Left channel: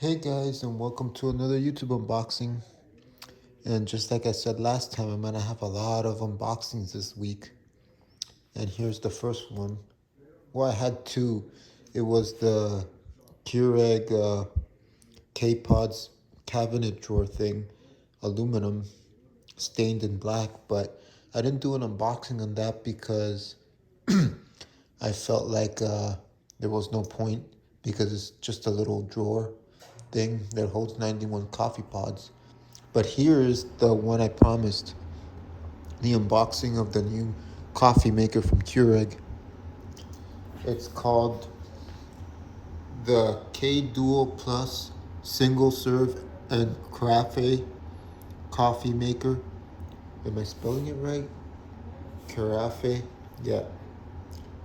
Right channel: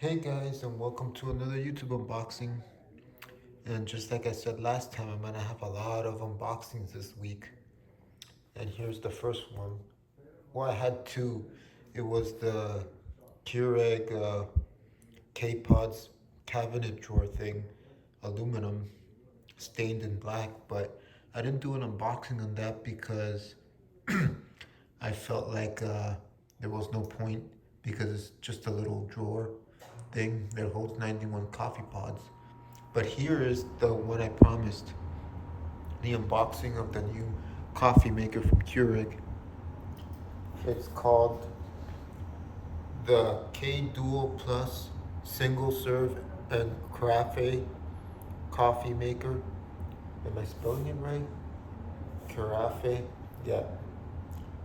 Hey guys, and welcome to another YouTube unboxing. And just like I said last time, I'm gonna have a lot of unboxings this week. And here's the first one. Well, I had two. It was the Keurig K-Pods cabinet drawer thing, aluminum, stained in black. But I didn't do an unboxing on that because I felt like there was no point because it's just a little drawer thing that holds 91 coffee pods. But here is the one I promised, the unboxing of the new coffee maker from Keurig. It's called the K-Duo Plus single serve and carafe coffee maker. Am I spelling it right? Carafe, yeah.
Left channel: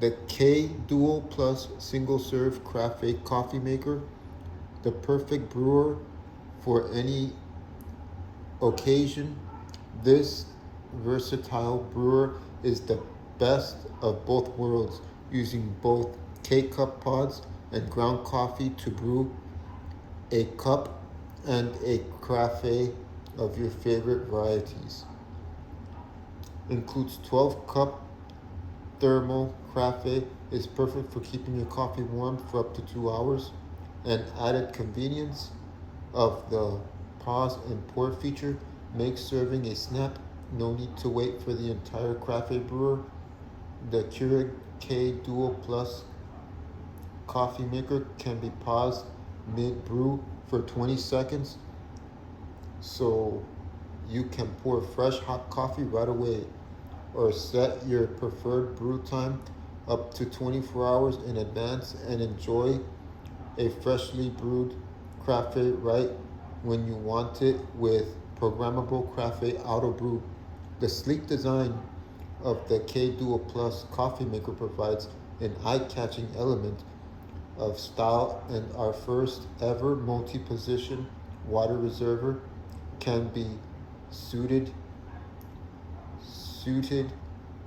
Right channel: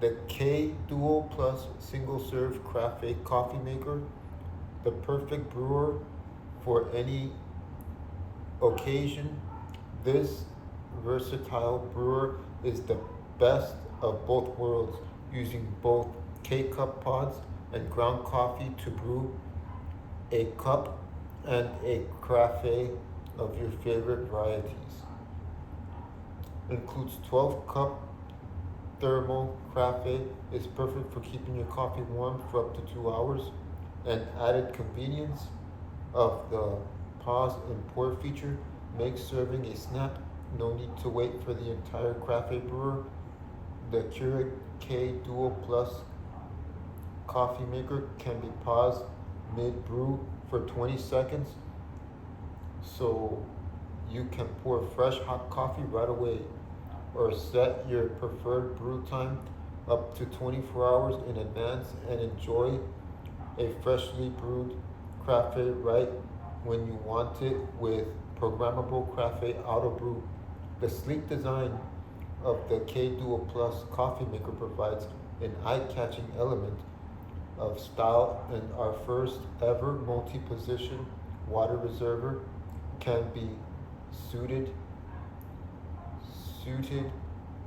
The K-Duo Plus single serve carafe coffee maker, the perfect brewer for any occasion. This versatile brewer is the best of both worlds, using both K-cup pods and ground coffee to brew a cup and a carafe of your favorite varieties. Includes 12 cup thermal carafe, is perfect for keeping your coffee warm for up to 2 hours. And added convenience of the pause and pour feature makes serving a snap. No need to wait for the entire carafe brewer. The Keurig K-Duo Plus coffee maker can be paused mid-brew for 20 seconds, so you can pour fresh hot coffee right away, or set your preferred brew time up to 24 hours in advance and enjoy a freshly brewed carafe right when you want it with Programmable Carafe Auto Brew. The sleek design of the K-Duo Plus coffee maker provides an eye-catching element of style, and our first ever multi-position water reservoir can be suited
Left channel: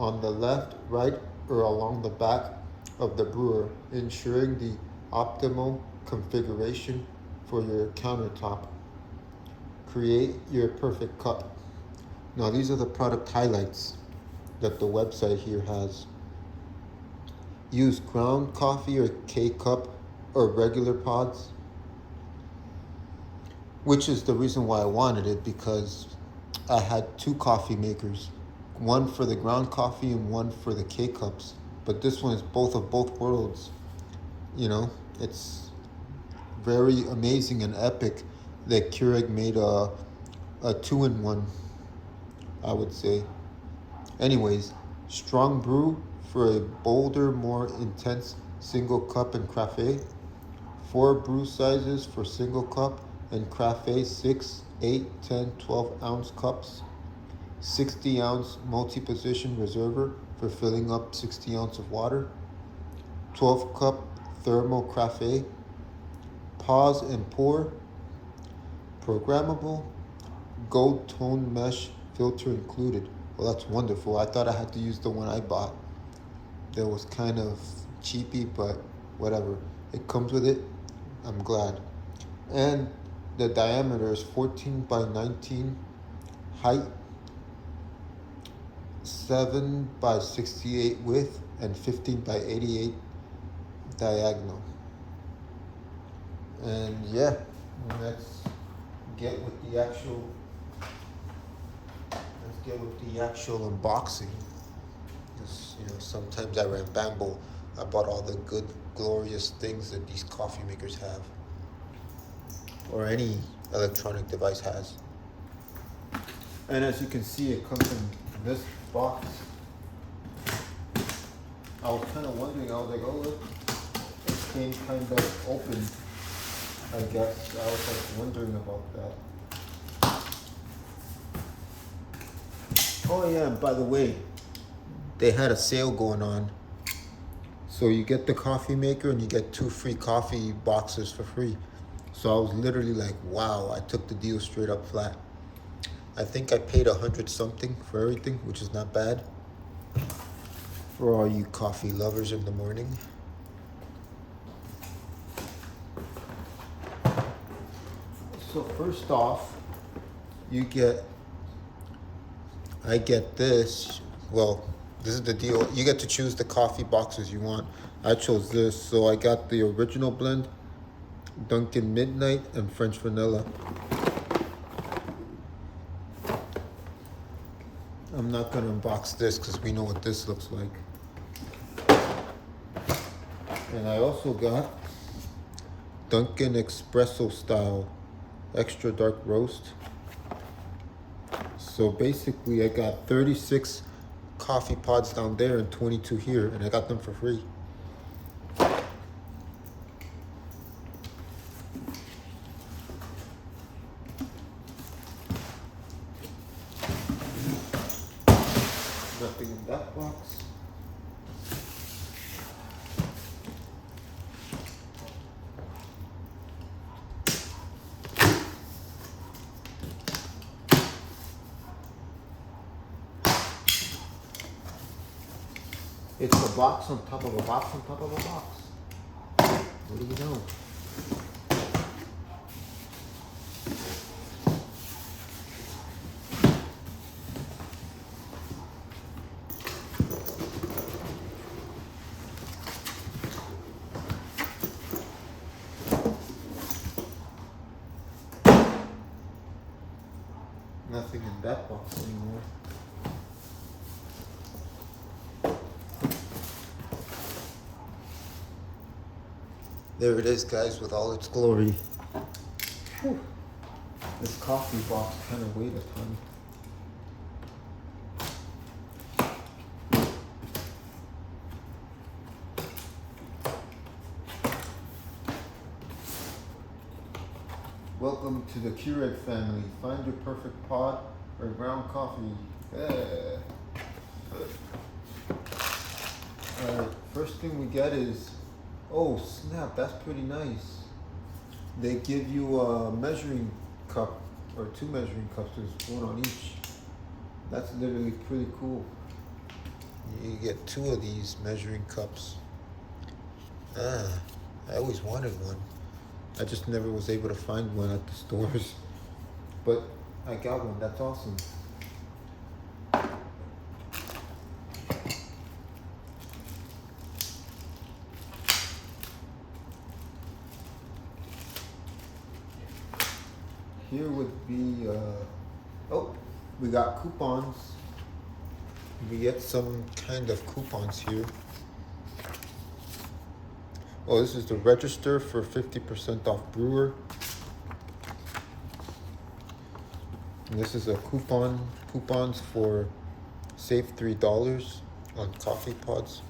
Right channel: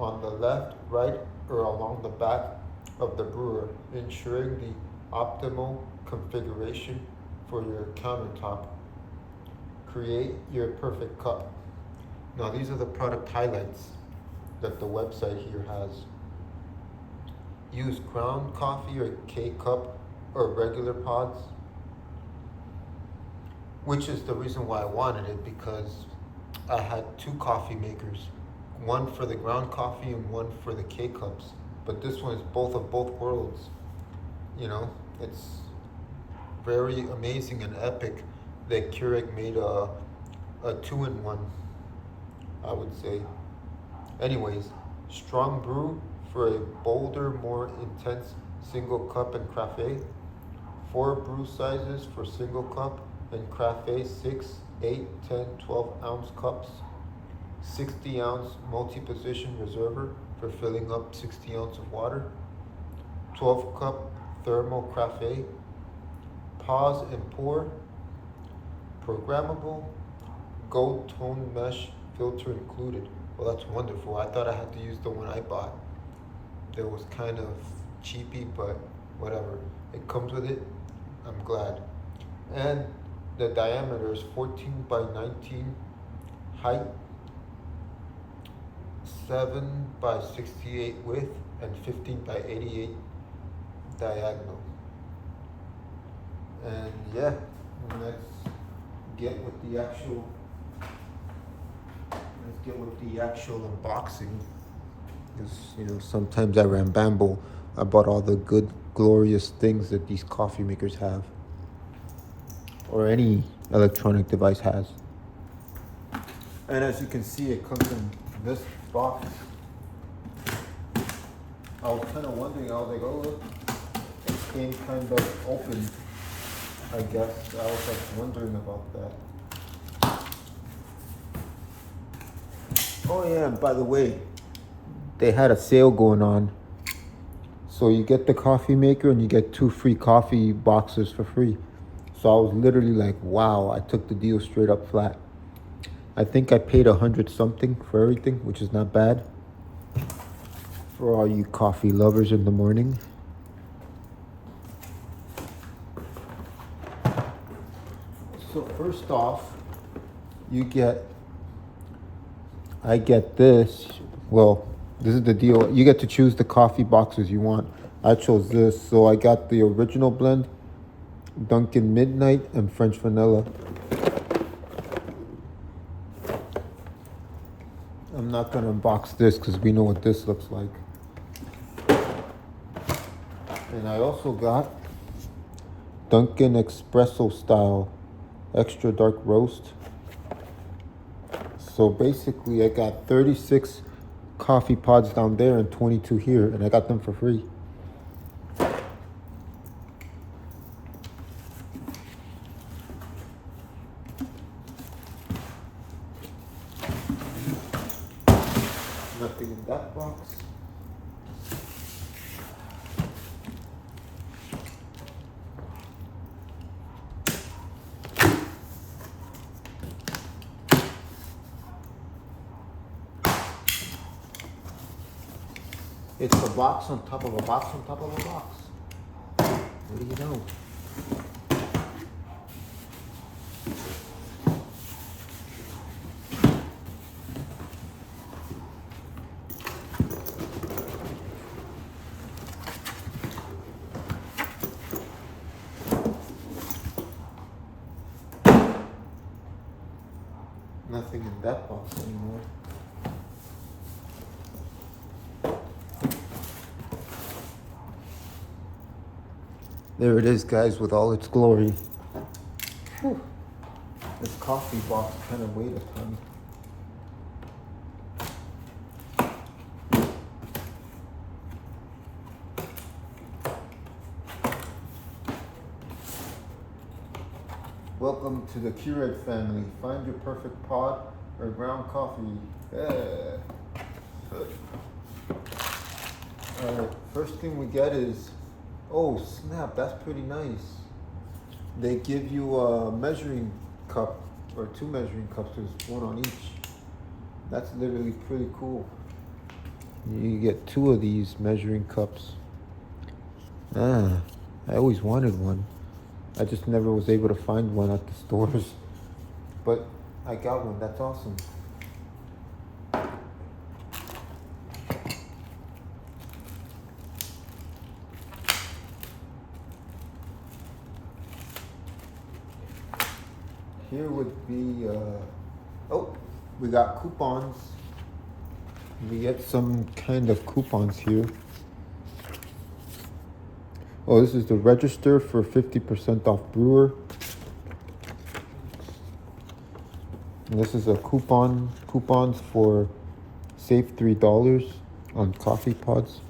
on the left, right, or along the back of the brewer, ensuring the optimal configuration for your countertop. Create your perfect cup. Now these are the product highlights that the website here has. Use ground coffee or K-cup or regular pods, which is the reason why I wanted it, because I had two coffee makers, one for the ground coffee and one for the K-cups. But this one is both of both worlds. You know, it's very amazing and epic that Keurig made a two-in-one, I would say. Anyways, strong brew for a bolder, more intense single cup and carafe. 4 brew sizes for single cup and carafe: 6, 8, 10, 12 ounce cups. 60-ounce multi-position reservoir for filling up 60 ounces of water. 12 cup thermal carafe. Pause and pour. Programmable gold tone mesh filter included. Well, that's wonderful. I thought I had to use the one I bought. That was kind of cheapy, but whatever. It comes with it. I'm glad. And the diameter is 14 by 19, height 7 by 68 width, and 15 by 88 diagonal. And yeah, let's get with the actual unboxing. Sometimes I ramble about all the good, glorious things that these coffee makers have, or any electronic device has. And as you can see, it comes in this box. I was kind of wondering, I was like, oh look, it came kind of open, I guess. I was like wondering about that. Oh yeah, and by the way, they had a sale going on. So you get the coffee maker and you get 2 free coffee boxes for free. So I was literally like, wow, I took the deal straight up flat. I think I paid 100 something for everything, which is not bad for all you coffee lovers in the morning. So first off, I get this. Well, this is the deal. You get to choose the coffee boxes you want. I chose this, so I got the original blend, Dunkin' Midnight, and French Vanilla. I'm not gonna unbox this because we know what this looks like. And I also got Dunkin' Espresso Style Extra Dark Roast. So basically I got 36 coffee pods down there and 22 here, and I got them for free. Nothing in that box. It's a box on top of a box on top of a box. What do you know? Nothing in that box anymore. There it is, guys, with all its glory. Whew. This coffee box kind of weighed a ton. Welcome to the Keurig family. Find your perfect pod or ground coffee. Yeah. Alright, first thing we get is, oh snap, that's pretty nice. They give you a measuring cup, or 2 measuring cups, there's one on each. That's literally pretty cool. You get 2 of these measuring cups. I always wanted one. I just never was able to find one at the stores. But I got one, that's awesome. Here would be, we got coupons. We get some kind of coupons here. Oh, this is the register for 50% off brewer. And this is a coupons for save $3 on coffee pods,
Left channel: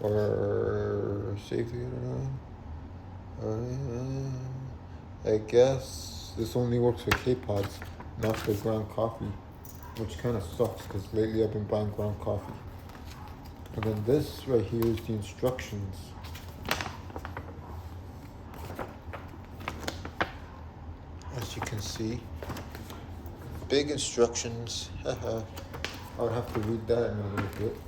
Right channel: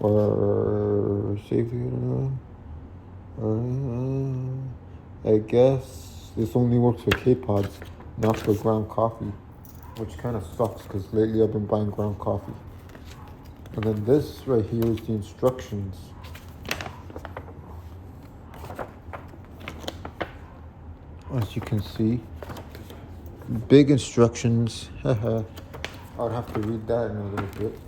or save, I guess this only works for K-pods, not for ground coffee, which kind of sucks because lately I've been buying ground coffee. And then this right here is the instructions. As you can see, big instructions. I would have to read that in a little bit.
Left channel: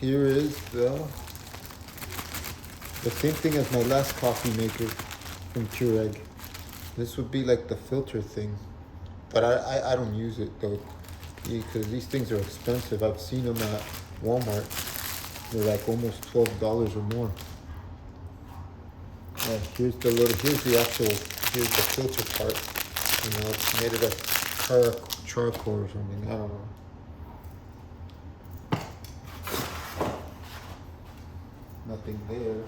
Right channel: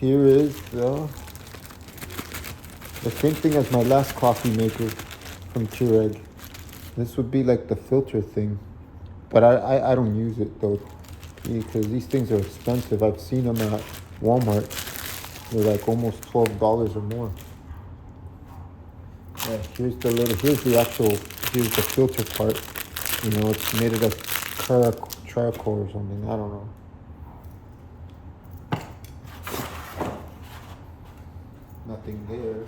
Here is the same thing as my last coffee maker from Keurig. This would be like the filter thing, but I don't use it though, because these things are expensive. I've seen them at Walmart. They're like almost $12 or more. Yeah, here's the filter part. You know, it's made of charcoal or something. I don't know. Nothing there.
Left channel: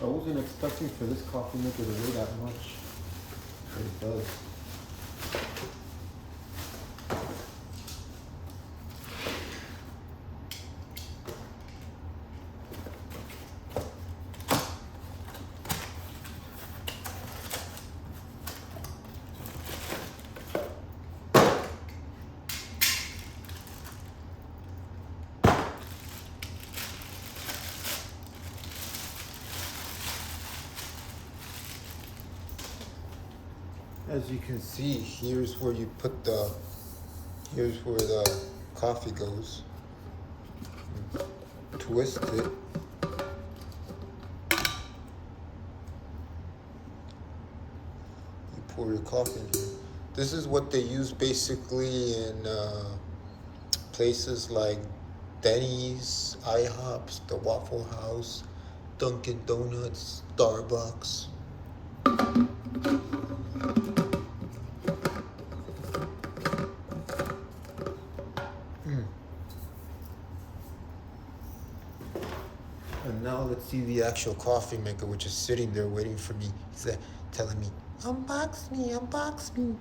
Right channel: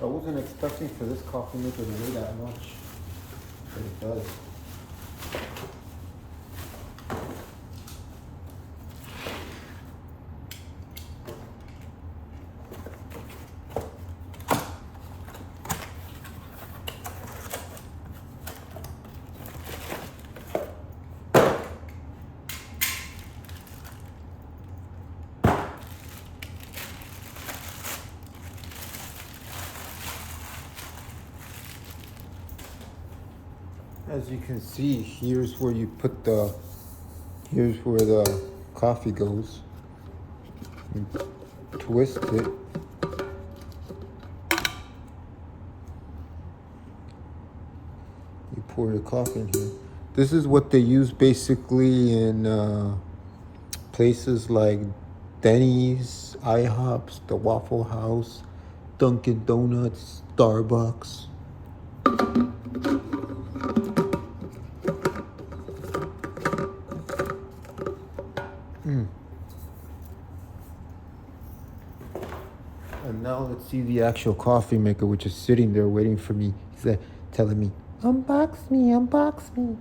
I wasn't expecting for this coffee maker to weigh that much, but it does. As you can see, here's where you put here's where the coffee goes. You twist it. You pour your coffee in here. This is what they use basically in places like Denny's, IHOPs, the Waffle House, Dunkin' Donuts, Starbucks. And now let's see the actual coffee maker, which is sitting there waiting for me. He's telling me, unbox me, unbox me.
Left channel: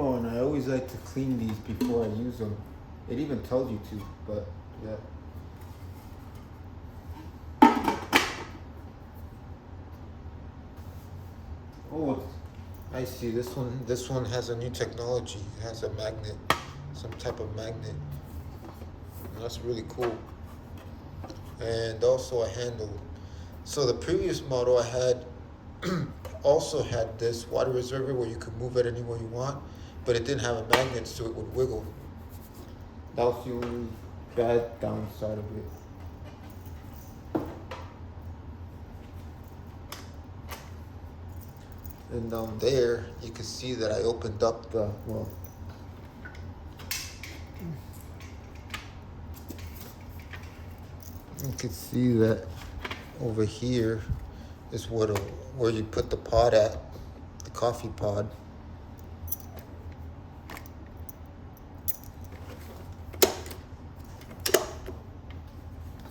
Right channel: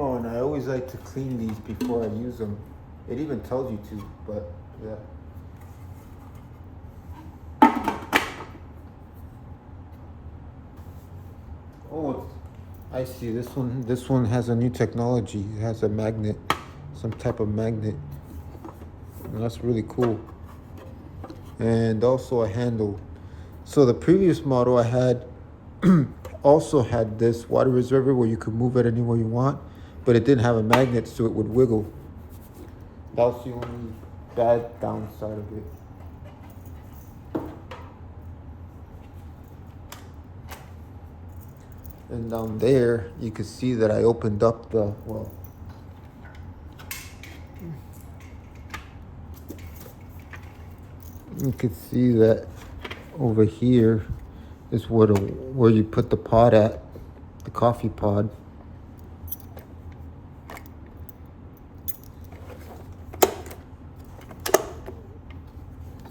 Oh, and I always like to clean these before I use them. It even tells you to, but yeah. Oh, I see. This one has a new technology. It has a magnet, some type of magnet. And that's really cool. And also a handle. So the previous model I had also had this water reservoir where you could move it anywhere you want, but it didn't have a magnet, so it would wiggle. That's the only bad downside of it. And down there, you can see that I opened up the, well, you can see that over here is where you put the pod at, the coffee pod.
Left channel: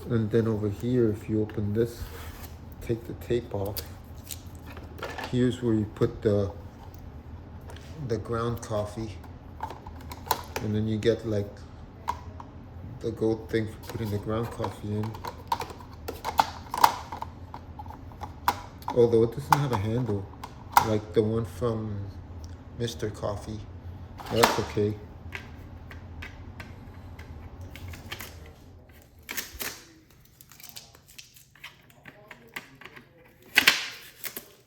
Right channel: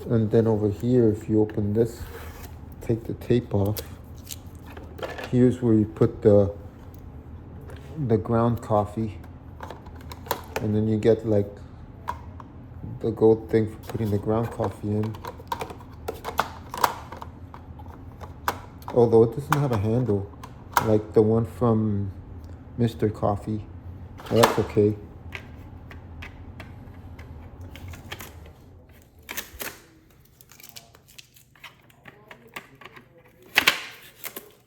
And then over here, if you open this, take the tape off, here's where you put the ground coffee. And then you get like the gold thing for putting the ground coffee in. Although it doesn't have a handle, like the one from Mr. Coffee. Well, that's okay.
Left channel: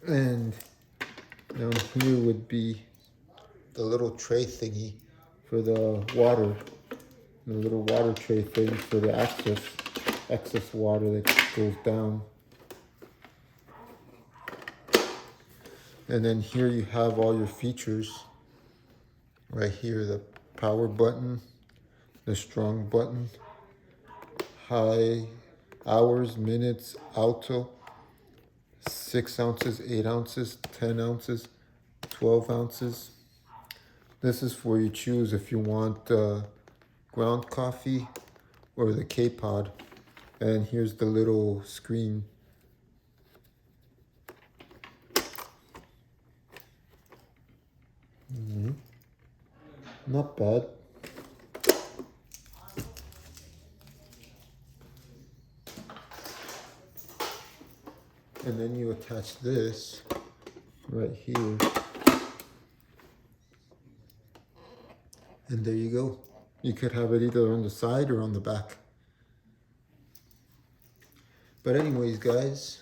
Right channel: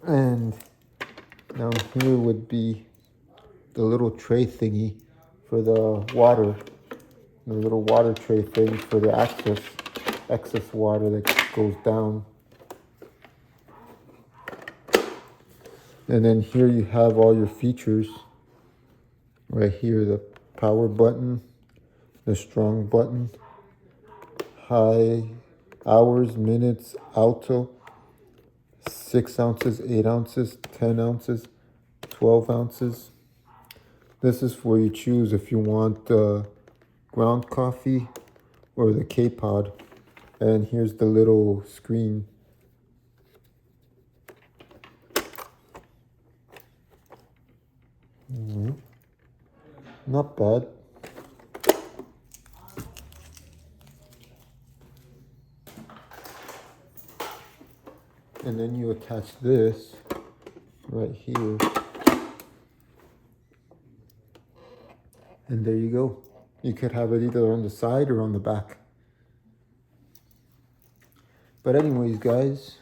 And down here would be the little tray thingy for the water. The little water tray thing for the excess water that goes down. And then here you have all your features. Right here, the power button, the strong button, high, hours, minutes, auto, 6 ounces, 8 ounces, 10 ounces, 12 ounces. This is where you choose if you want ground coffee or the K-Pod. And here's the little screen. Not bad. And then you attach this right here. And there you go. You could have it either on the side or on the back. But anyways, guys,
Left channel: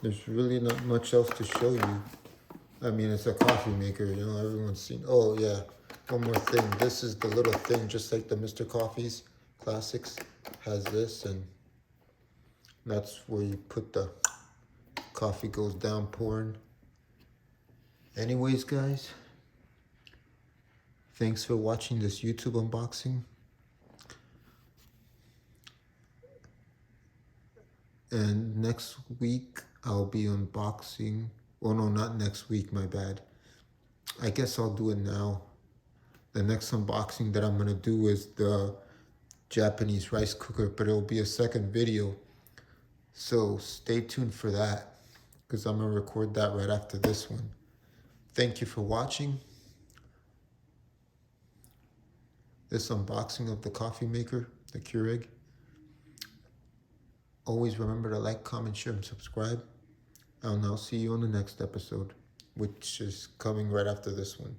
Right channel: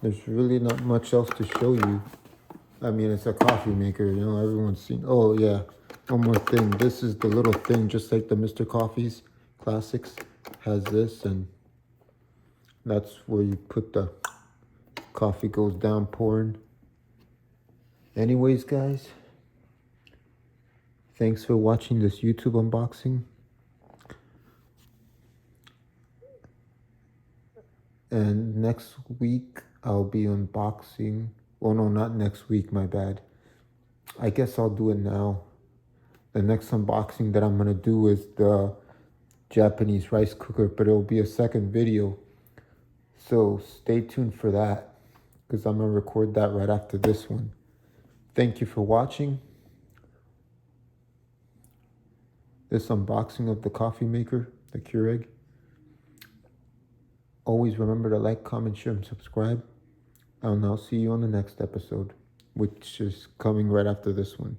there's really not much else to show you. I mean, it's a coffee maker, you know, everyone's seen. Oh yeah, one more thing. This is the little thing, just like the Mr. Coffee's Classics has this, and that's where you put the coffee goes down pouring. Anyways, guys, thanks for watching this YouTube unboxing. And next week, I'll be unboxing. Oh no, not next week, my bad. I guess I'll do it now. The next unboxing that I'm gonna do is the Japanese rice cooker, but it'll be a second video. So stay tuned for that. because I'm going to record that right after this one. Thank you for watching this unboxing of the coffee maker, the Keurig. Always remember to like, comment, share, and subscribe. And I'll see you on the next episode, which is coming right after this one.